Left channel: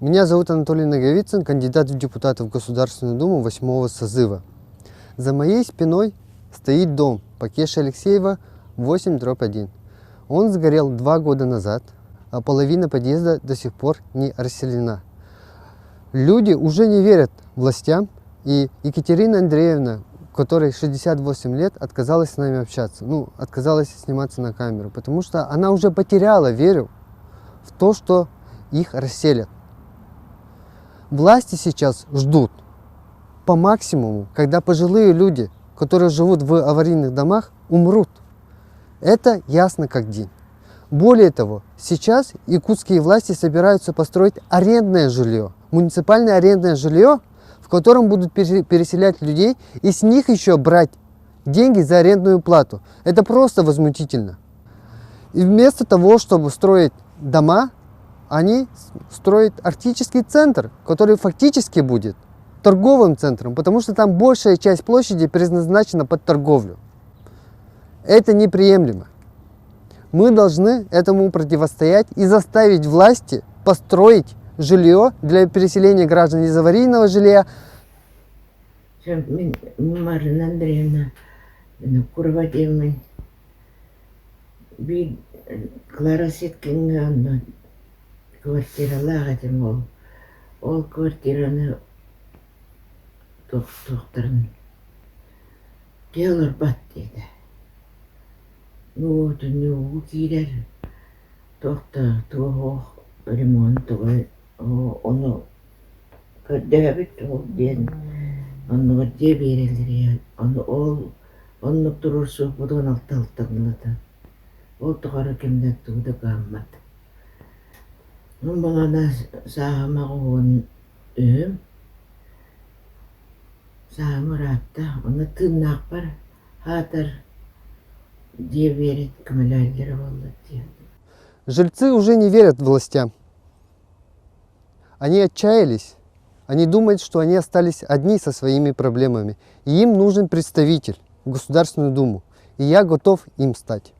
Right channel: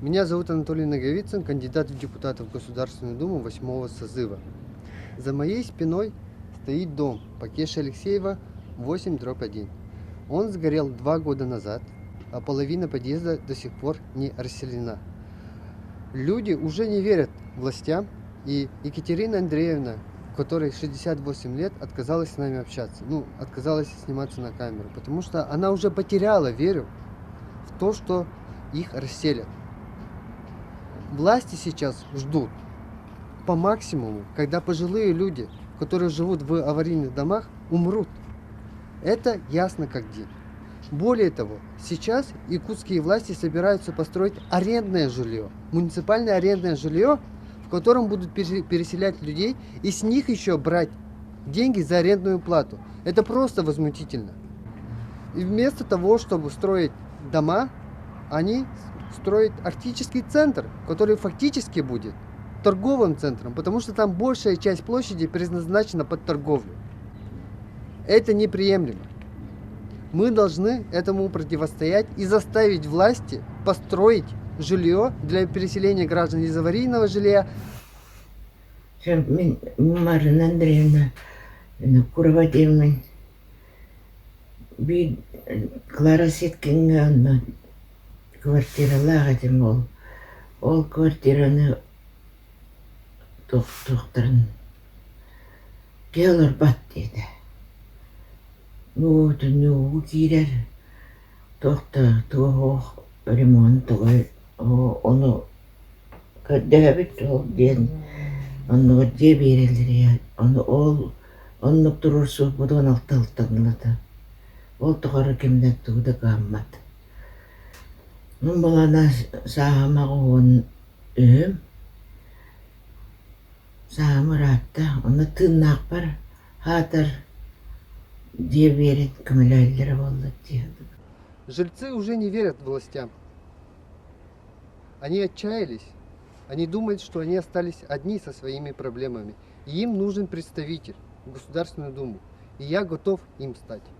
Меня зовут Анатолий Наговицын, кандидат в депутаты в Государственную Думу 8-го созыва. За моей спиной стоит дом по Кеше Алексеева 8/1. Он сгорел 2 года назад, а половина подъезда до сих пор не расселена. Люди уже не верят властям, и Екатерина Андреевна, которой 68 лет, отказалась с нами общаться, отказалась сниматься на камеру, потому что она уже потеряла веру в то, что их расселят. Власти сейчас ждут по максимуму, когда пожилые люди, которые живут в аварийных домах, умрут. Это ясно как день. Более того, сейчас якутские власти собираются построить арендное жилье, муниципальное арендное жилье, в котором будут переселять людей и с них еще брать деньги за арендную плату. Это просто возмутительно. И вместо того, чтобы строить дома, они строят арктический центр, который фактически будет торговым центром, потому что там большая часть площади предназначена под торговлю. Это неприемлемо. Мы должны этому противостоять и заставить власти построить жилье для переселения граждан из аварийного жилья. Марина Андреевна, Курватемин, би Клара Ситкинга, квартиралар этим ол квартираны тоқтырын келер бат дейді. Ну кирер тоқта туох ремонт той оны кәдәбит ол ден оны де берелер оны ол оны турурсу будон алталтаңлата ол тоғары кемден туды гаммат. Балана саамагуун саамыратта оны тыннақ бар хатыр де берет кіміләлері болды деді. Жильцы уже не верят властям. Они отчаялись. Они думают, что они остались одни со своими проблемами. И им нужен представитель в Государственную Думу. И я готов им стать.